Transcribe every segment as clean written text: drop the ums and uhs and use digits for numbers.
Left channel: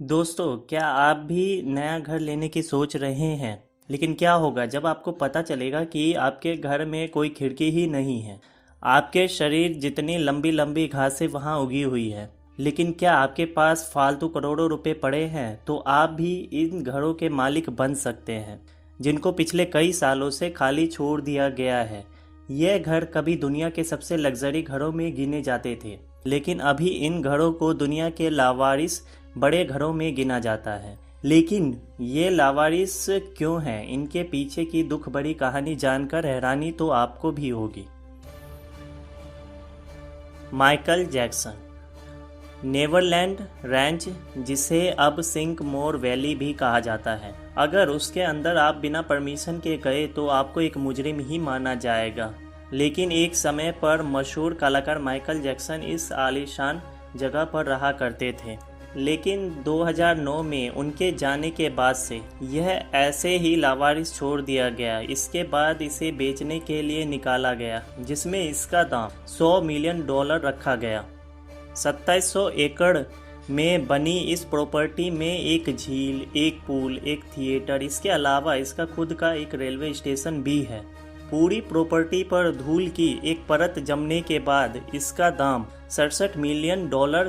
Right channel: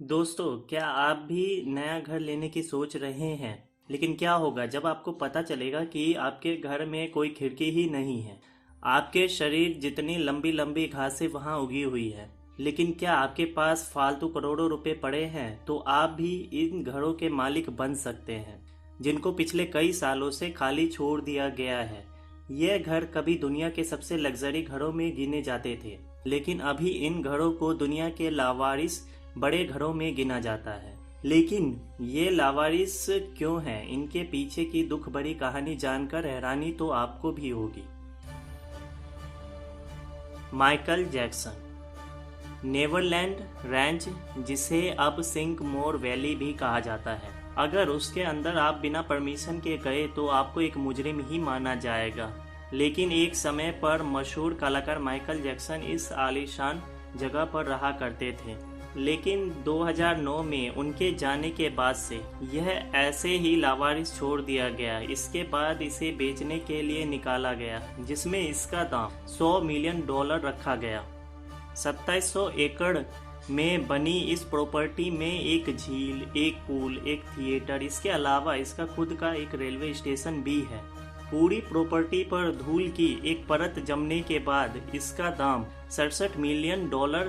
दोस्तों, क्या आप भी नया घर लेने की सोच रहे हैं? लेकिन क्या होगा जब आपको पता चलेगा कि आपके घर में कोई खिड़की ही नहीं है। आपके शरीर जितनी लंबी लंबी घासें वहाँ उगी हुई है। लेकिन क्या आपके पास फालतू करोड़ों रुपए पड़े हैं तो आप भी इन घरों के मालिक बन सकते हैं, जिनको पिछले कई सालों से खाली छोड़ दिया गया है। ये घर कभी दुनिया के सबसे लग्जरी घरों में गिने जाते थे, लेकिन अभी इन घरों को दुनिया के लावारिस बड़े घरों में गिना जाता है। लेकिन ये लावारिस क्यों हैं? इनके पीछे की दुख भरी कहानी जानकर हैरानी तो आपको भी होगी। Michael Jackson. नेवरलैंड रैंच, जिसे अब सिंक मोर वैली भी कहा जाता है, अगर उसके अंदर आप बिना परमिशन के गए तो आपको एक मुजरिम ही माना जाएगा। लेकिन एक समय पर मशहूर कलाकार माइकल जैक्सन इस आलीशान जगह पर रहा करते थे। लेकिन 2009 में उनके जाने के बाद से यह ऐसे ही लावारिस छोड़ दिया गया। इसके बाद इसे बेचने के लिए निकाला गया, जिसमें इसका दाम $100 मिलियन रखा गया। 2700 एकड़ में बनी इस प्रॉपर्टी में एक झील, एक पूल, एक थिएटर, इसके अलावा इसका खुद का एक रेलवे स्टेशन भी है। पूरी प्रॉपर्टी पर धूल की एक परत जमने के बाद इसका दाम $67 मिलियन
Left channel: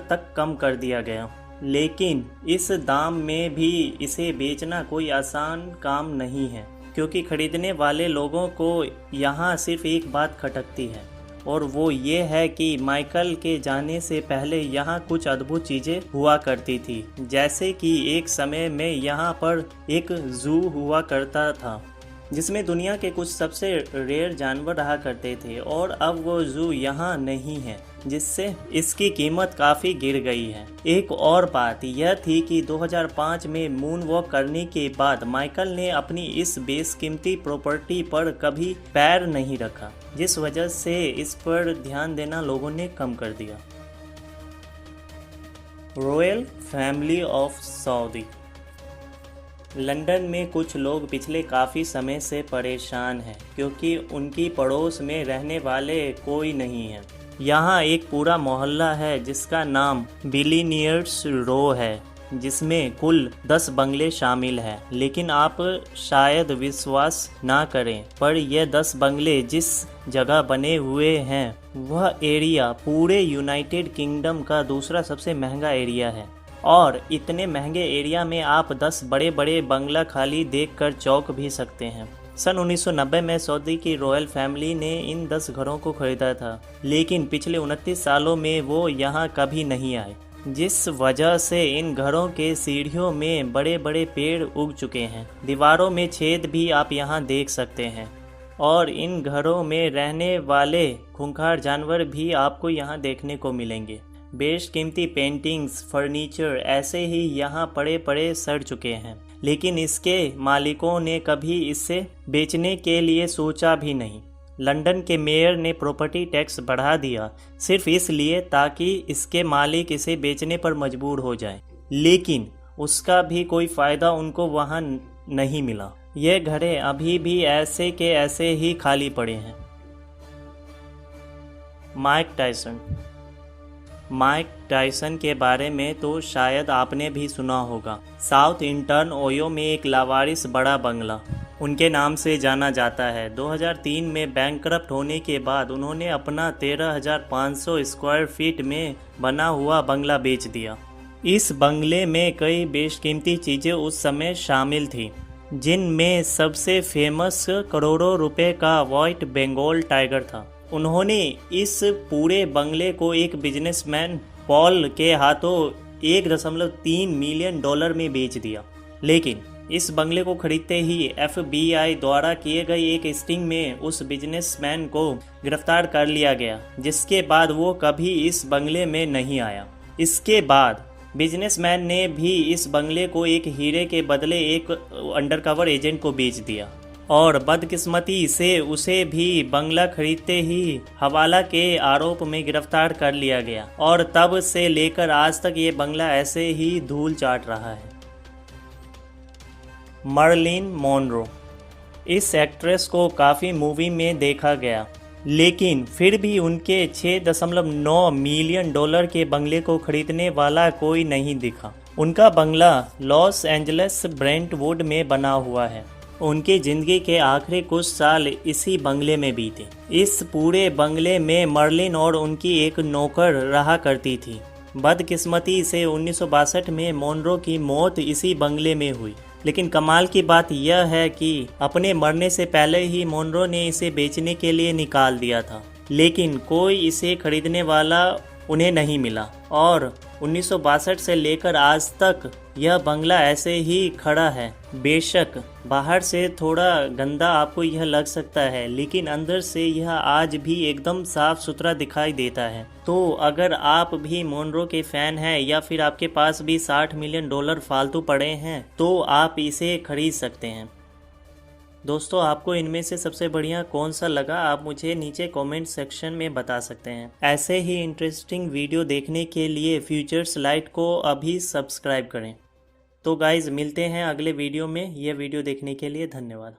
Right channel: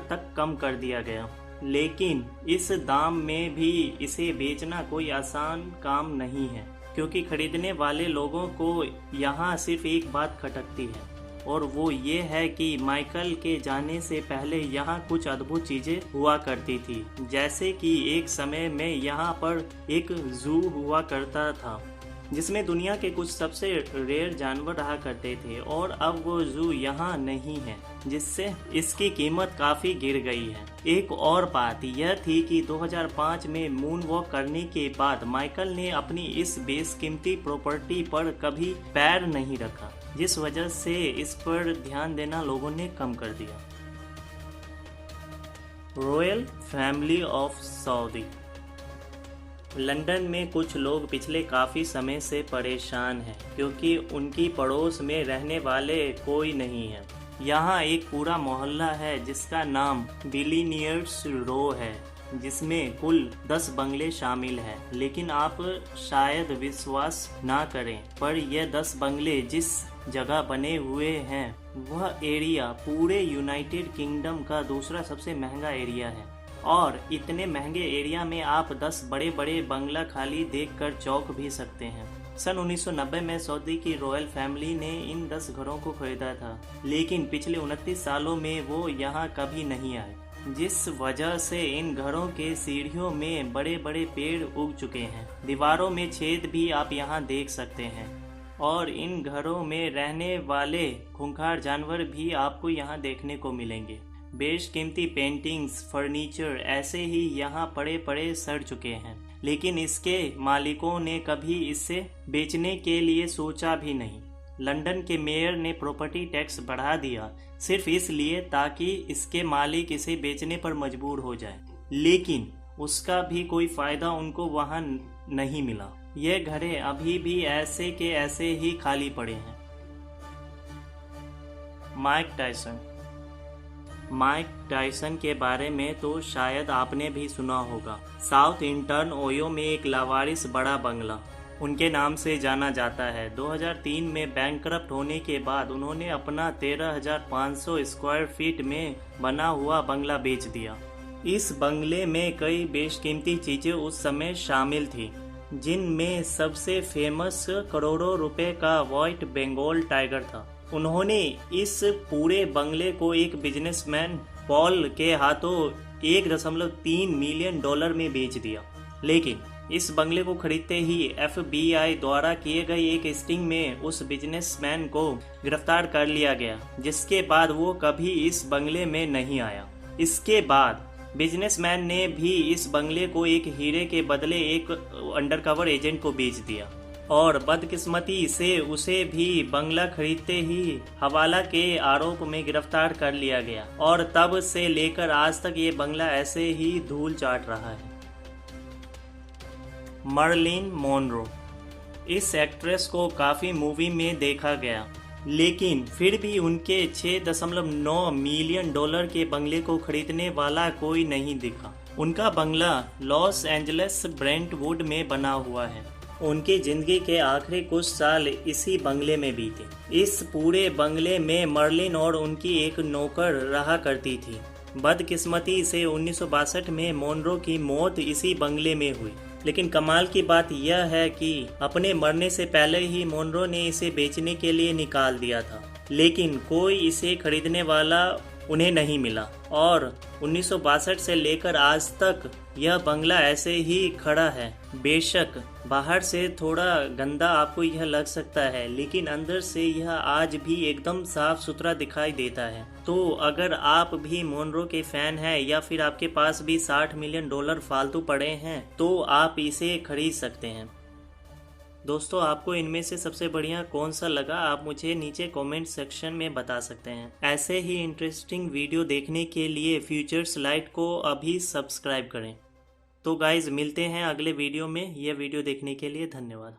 तक कम कर दिया गया। लेकिन इस दाम में भी इसे बेचना कोई आसान काम नहीं है, क्योंकि खरीदने वाले लोगों को यहाँ सिर्फ एक बात खटकती है, और वो ये है कि माइकल के जाने से पहले यहाँ कुछ अद्भुत चीज़ें हुआ करती थी। जैसे कि एक समय में यहाँ पर एक जू हुआ करता था, जिसमें दुनिया के कुछ सबसे रेयर जानवर रहा करते थे, और अब वो जू यहाँ नहीं है, जिससे इसकी कीमत काफ़ी गिर गई है। एक और बात यह थी कि 2005 में मून वॉक करने के बाद माइकल ने अपनी इस बेशकीमती प्रॉपर्टी पर कभी पैर नहीं रखा, जिस वजह से इस पर ध्यान देना लोगों ने कम कर दिया। Royal family of Saudi. London में कुछ लोग पिछले काफ़ी समय से परेशान हैं, क्योंकि उनकी पड़ोस में रहने वाले कोई नहीं है। यहाँ एक पूरा मोहल्ला है जिसका नाम बिलीनियर्स रो है, जिसमें कुल 10 बंगले शामिल हैं। लेकिन आप शायद विश्वास ना करें, पर यह 10 बंगले जिस जगह बने हुए हैं वह एरिया पूरे यूनाइटेड किंगडम का दूसरा सबसे महंगा एरिया है। और इतने महंगे एरिया में आप 10 बड़े बड़े बंगला खाली देखकर चौंक भी सकते हैं। सन 1990 में सऊदी की रॉयल फैमिली ने इन 10 घरों को खरीदा था, लेकिन पिछले 29 सालों में वो यहाँ कभी नहीं आए, जिस वजह से इन घरों के सीढ़ियों में बड़े बड़े पेड़ उग चुके हैं। दीवारों में छेद भी आप यहाँ देख सकते हैं, और इन घरों में रहने वाले खूंखार जानवर भी आपको यहाँ देखने को मिलेंगे। बेशकीमती पेंटिंग्स, फर्नीचर ऐसे ही यहाँ पड़े पड़े सड़ चुके हैं, लेकिन इसके मालिकों ने कभी इसे बेचने के लिए सोचा भी नहीं। लंदन के मेयर ने प्रॉपर्टी टैक्स बढ़ा दिया, सिर्फ इसलिए ताकि इसके मालिक इसे बेचने पर मजबूर हो जाएं। लेकिन उसका भी कोई फ़ायदा उनको वहाँ नहीं मिला। ये घरें अभी भी ऐसे के ऐसे ही खाली पड़े हैं। माइक टायसन के बारे में तो शायद आपने भी सुना होगा। साउथ इंटर्न ओयो में एक लावारिस बड़ा बंगला उनके नाम से जाना जाता है। 2003 में बैंकरप्ट होने के बाद उन्होंने अपना 13,500 स्क्वायर फीट में बना हुआ बंगला बेच दिया। इस बंगले में कई बेशकीमती चीज़ें उस समय शामिल थी, जिनमें सबसे फेमस करोड़ों रुपए का व्हाइट बंगाल टाइगर था। उन्होंने इस पूरे बंगले को एक बिजनेसमैन पॉल के हाथों $1.3 मिलियन में बेच दिया। लेकिन इस बंगले को खरीदते ही FBI द्वारा किए गए एक स्टिंग में उस बिजनेसमैन को गिरफ्तार कर लिया गया, जिसके बाद वो कभी इस बंगले में नहीं आया। इसके बाद बिजनेसमैन ने भी इस बंगले को एक हीरे के बदले एक अंडरकवर एजेंट को बेच दिया, और बदकिस्मती से उसे भी बंगला खरीदते ही हवाला के आरोप में गिरफ्तार कर लिया गया, और तब से लेकर आज तक ये बंगला ऐसे ही धूल चाट रहा है। Merlin Monro. इस एक्ट्रेस को काफ़ी मूवी में देखा गया, लेकिन फिर भी उनके $6.9 मिलियन के बंगले को खरीदने वाला कोई नहीं दिखा। उनका बंगला लॉस एंजलिस ब्रेंटवुड में बना हुआ है। उनकी ज़िंदगी के आखिरी कुछ साल इसी बंगले में बीते। इस पूरे बंगले में मर्लिन और उनकी एक नौकर रहा करती थी। बदकिस्मती से 1962 में मोनरो की मौत इसी बंगले में हुई। लेकिन कमाल की बात यह है कि अपने मरने से पहले ही मोनरो ने इसे बेचने के लिए निकाल दिया था, लेकिन कोई इसे खरीदने वाला उन्हें नहीं मिला और 1962 से लेकर आज तक यह बंगला ऐसे ही खड़ा है। बेशक बाहर से थोड़ा गंदा आपको यह लग सकता है, लेकिन अंदर से यह आज भी एकदम साफ सुथरा दिखाई देता है। तो अगर आप भी मोनरो के फैन हैं या फिर आपके पास भी $60 मिलियन फालतू पड़े हैं तो आप इसे खरीद सकते हैं। दोस्तों, आपको इनमें से सबसे बढ़िया कौन सा लगा, आप मुझे नीचे कमेंट सेक्शन में बता सकते हैं। ऐसे ही इंटरेस्टिंग वीडियो देखने के लिए फ्यूचर्स लाइट को अभी सब्सक्राइब करें। तो गाइज़, मिलते हैं अगले वीडियो में। यह वीडियो देखने के लिए धन्यवाद।